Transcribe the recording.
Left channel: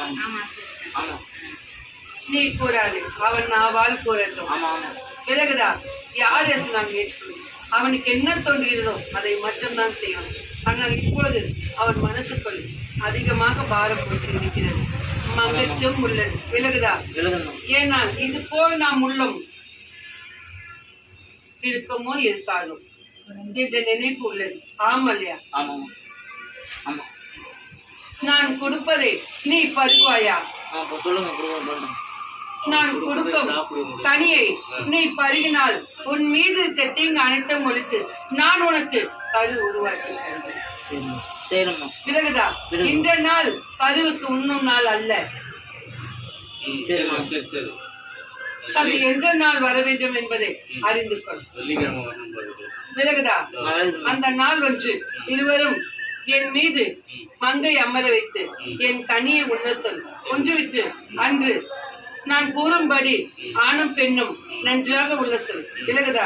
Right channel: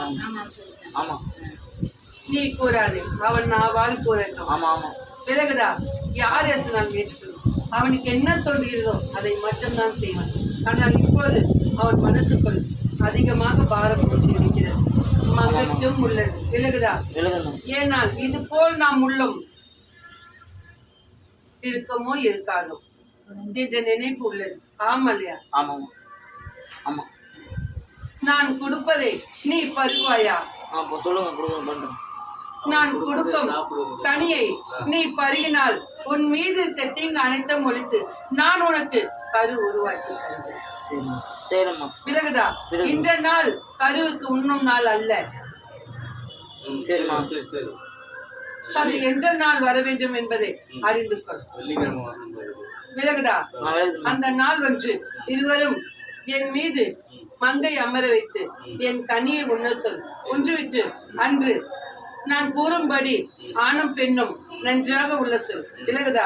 ஆமா ஆமா. நீ கூறாது, அவன் நாவால் கூறட்டும். ஆமா ஆமா. விலகுதா? யார் நான் ஏற்றுக்கொள்ளும். அவனுக்கு என்ன தோன்றுகிறதோ அதை மட்டும்தான் செய்வான். ஆனால் இப்பொழுது அவன் மனசுக்குள் அதிகமாக பாரம் போட்டு இருக்கிறது. மங்கட்டும் உள்ளது. விலகுதா? ஏனால் இது போல் நாம் உள்ளம் இருக்கமோ இருக்காதோ என்ற நினைப்பு உள்ளது. ஆமல்லையா? நான் கொடுப்பதை நீ பருகுவாயா? நான் கொடுக்கும் தனியை நீ பருகினால் உன் மீது இருக்க தீங்கு அனைத்தும் ஒழித்து நான் உனக்கு கரு உருவாக்கி தருகிறேன். விலகுதா? இந்த நாள் கருவுக்கு உண்ணும் நாள் அல்ல. அது என்ற நாள் வர வேண்டும் என்பதை அறிந்து கொள். விலகுதா? அந்த நாள் ஒன்று இருவரும் என் மீது மங்கை அமர வைத்து என் கனியை உண்ண சொல். ஒன்றுவிட்டு அன்று நான் கூறும்படி ஆணும் பெண்ணும் நன்றாக உள்ள சொல். விலகுதா?